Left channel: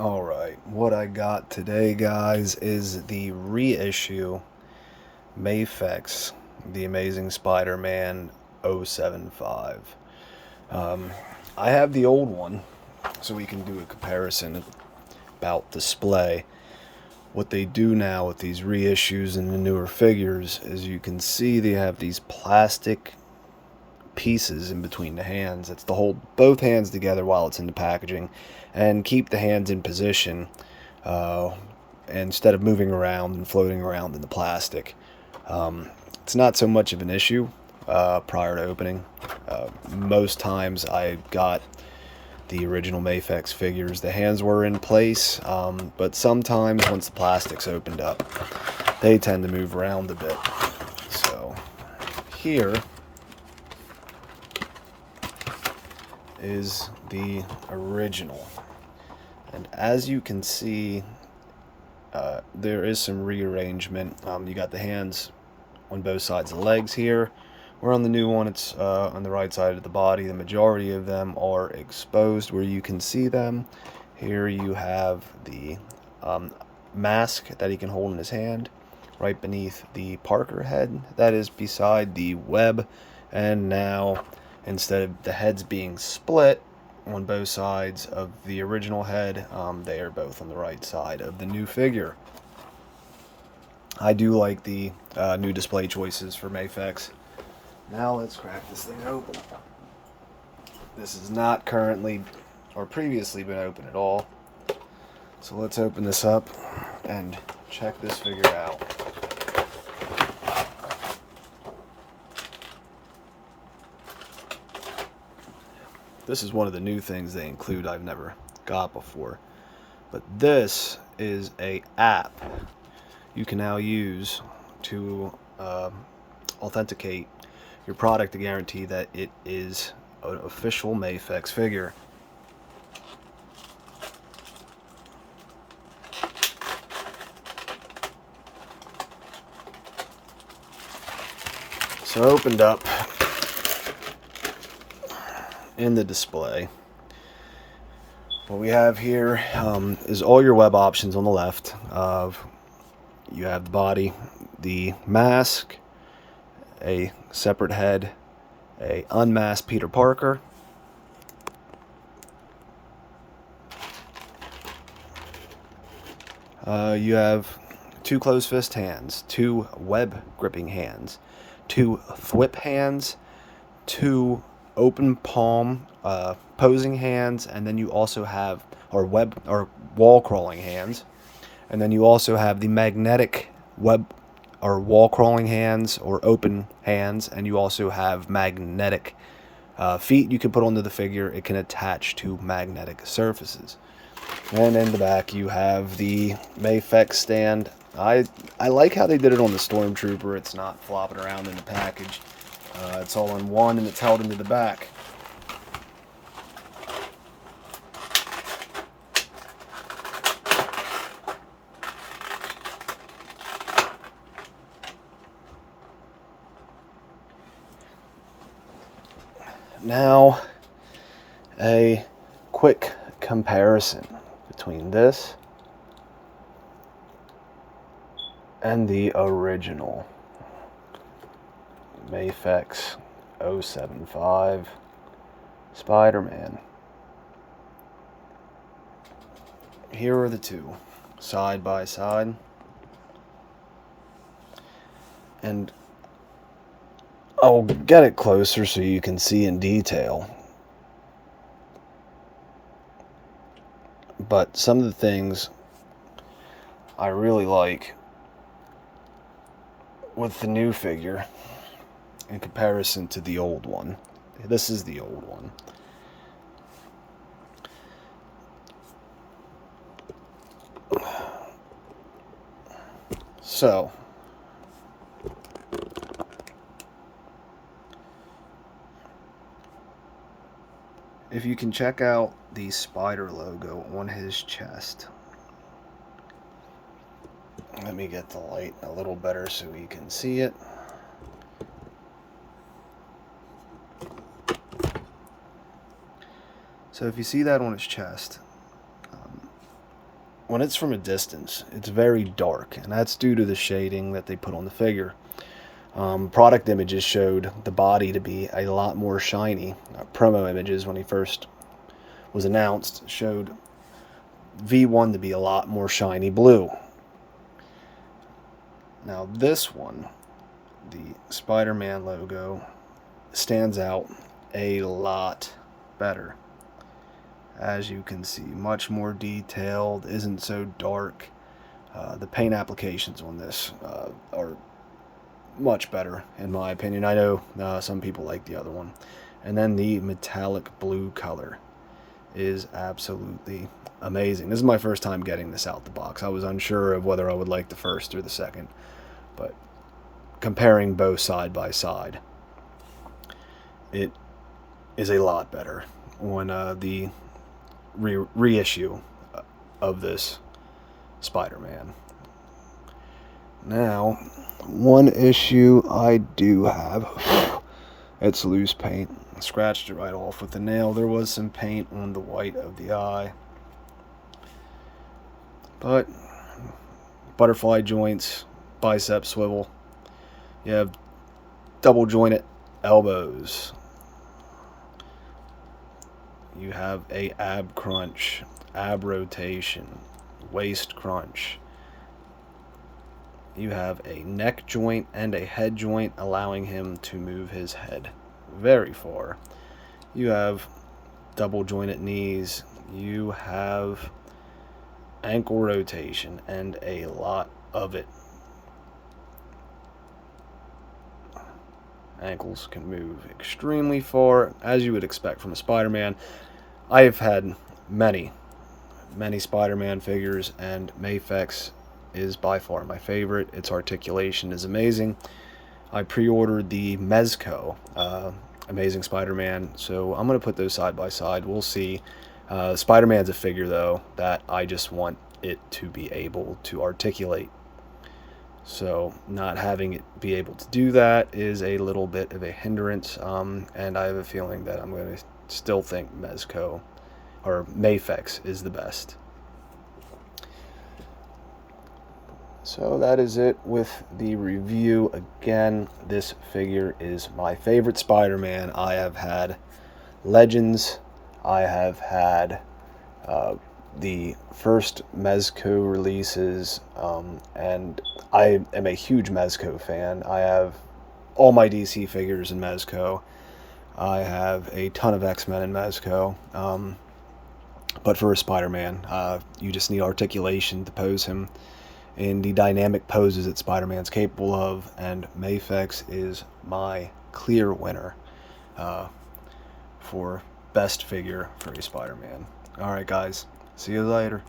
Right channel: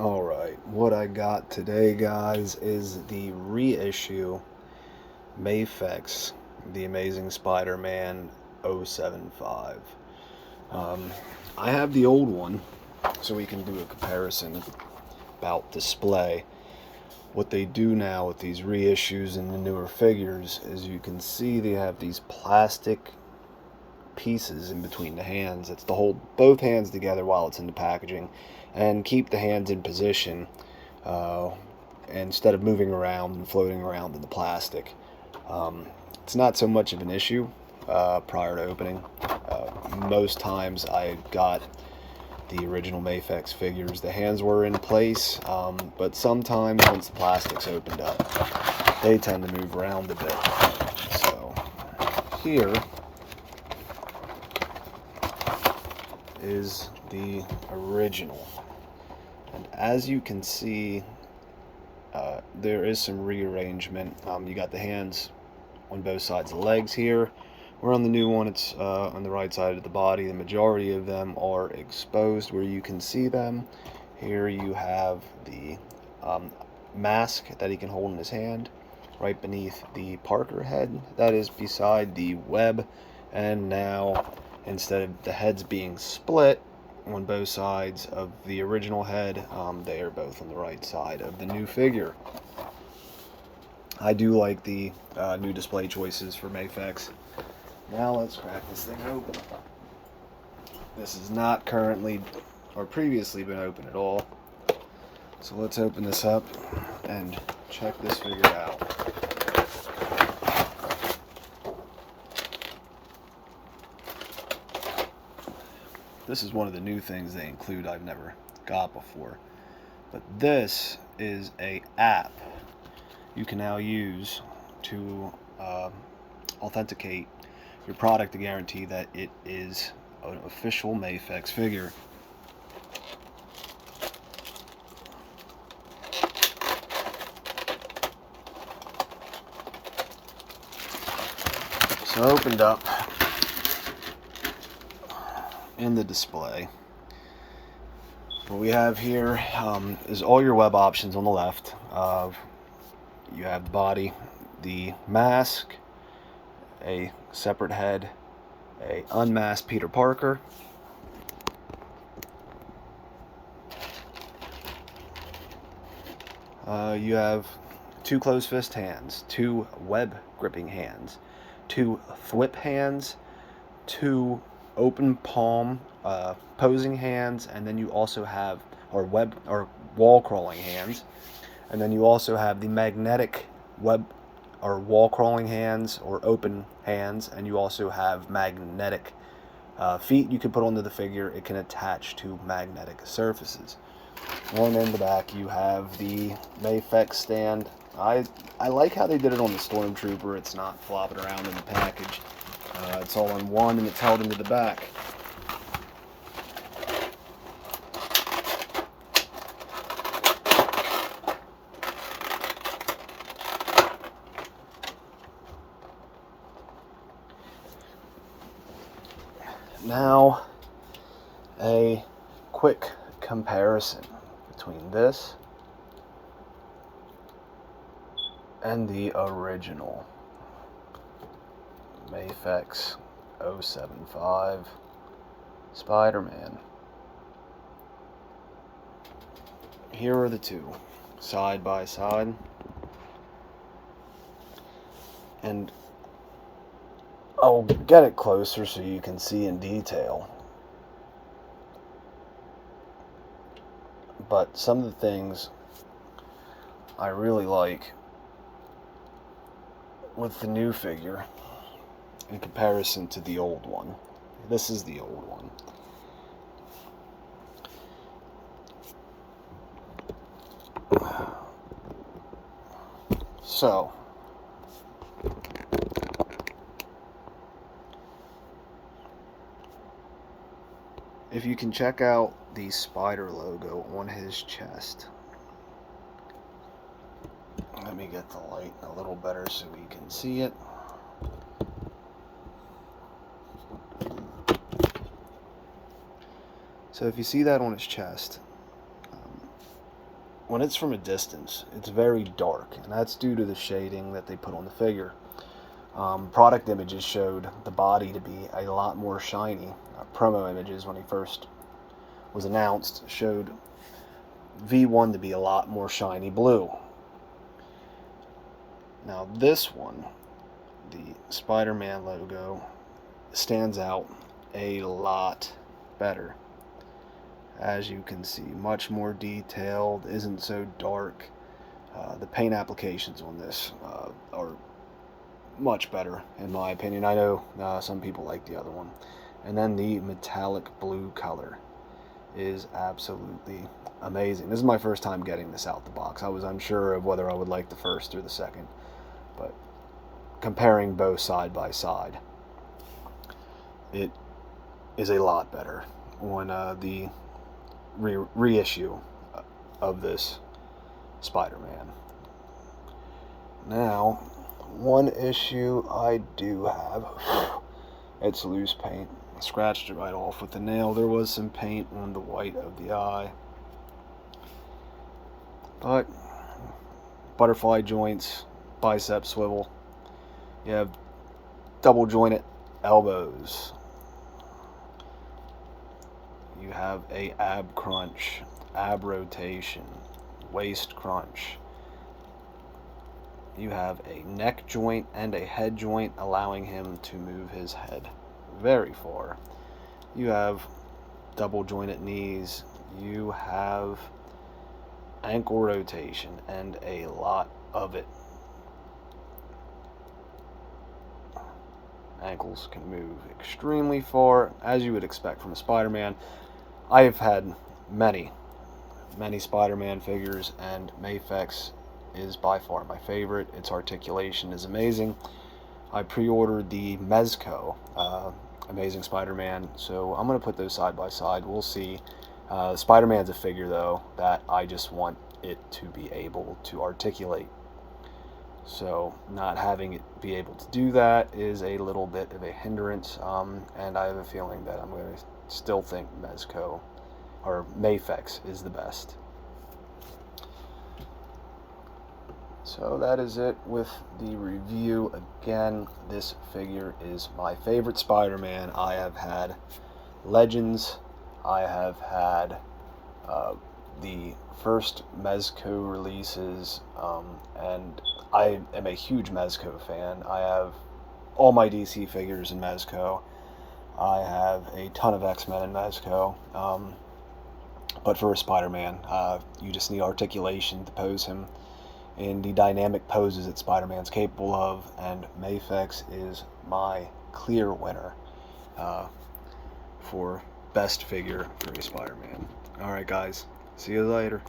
Alright, what I got today, guys, is the reissue Mafex, The Amazing Spider-Man 075. I have the old one, so we can do a comparison about display. What they do now with these reissues and the newer figures is you can see they have these plastic pieces in between the hands. It's to hold both hands together while it's in the packaging and keep the hands in position uh, instead of moving around and floating around in the plastic. It's not so much of an issue prior to opening. Most times I got the original Mafex figures, the hands were in place, but sometimes once the plastic's opened up, they tend to move around a bit. So here is the original, and as you can see, there is some rearrangement. You got the hands on both sides of the legs here, where on the new one it's on the right side of the body. The majority of them are exposed where you can see them. Here you have the mask that he can hold in his hand right beneath the Parker head that is beside the web. And now, instead of the heads being split on both sides of the original head, they are both on the right side of the new figure. I do like the new display choices for Mafex. Now let's crack this thing open. This is not currently or previously been open at all. So let's open this up and check this figure out. This is one of the new things they include I've never got before. But this is a app you can now use to authenticate your product to guarantee that it is an official Mafex figure. So opened up in the display, what we have here is all your web options on the left. You have the body, the mask, a separate head, a unmasked Peter Parker, you have two closed fist hands, two web gripping hands, two thwip hands, two open palm posing hands, and then you also have web or wall crawling hands, and then you also have the magnetic web or wall crawling hands or open hands, and you also have magnetic feet you can put onto the figure. It can attach to magnetic surfaces. And in the back you have the Mafex stand. I like how they did it on the Stormtrooper. It's not flopping around in the package. It's all in one and it's held into the back. Now, a quick comparison between this and the original Mafex 075 Spider-Man. Here are the two, side by side. And I'll get it closer so you can see in detail. But some of the things I really like with the new figure in comparison to the old one. This is the old one. So, if you can check out the spider logo on his chest. Let me get the light a little better so you can see it. So if you see that on his chest, when it's from a distance, it's very dark, and that's due to the shading that they put on the figure. Product images showed the body to be a lot more shiny. Promo images, when he first was announced, showed V1 to be a lot more shiny blue. Now this one, the Spider-Man logo, stands out a lot better. As you can see, much more detailed, isn't so dark. The paint applications on this are much better, in my opinion. I know some people like the other one. And then the metallic blue color is absolutely amazing. This is my first time getting this out the box. I was unsure of whether I would like the first or the second, but comparing both side by side, it is a lot better on the reissue of this Spider-Man. Now, one issue I do have, it's loose paint. I scratched it right off with the nail. There was some paint on the white of the eye, but butterfly joints, bicep swivel. You have double jointed elbows. You have a ab crunch, ab rotation, waist crunch. You have a neck joint and a head joint, allowing him to move his head very far. You have double jointed knees. You have ankle rotation, and a lot of it. Ankles can move extremely far, as you would expect from a Spider-Man. I have had many Spider-Man figures, and Mafex is by far my favorite. Its articulation is amazing. I pre-ordered the Mezco Amazing Spider-Man, so I'm going to put those side by side. We'll see. Spider-Man's a figure, though, that I just want it to be able to articulate. So not having it be able to do that is a little bit of a hindrance, and I have a feeling that I'm going to still think Mezco or Mafex is the best. So that is it with the review. Again, this figure is my favorite Spider-Man. I have had Legends, I have had the first Mezco releases, and I am a huge Mezco fan. I have all my DC figures in Mezco. I have a ton of X-Men in Mezco. But for a Spider-Man, you just need articulation to pose him in the dynamic poses that Spider-Man's capable of, and Mafex is my clear winner for best figure for a Spider-Man. Alright guys, see you later.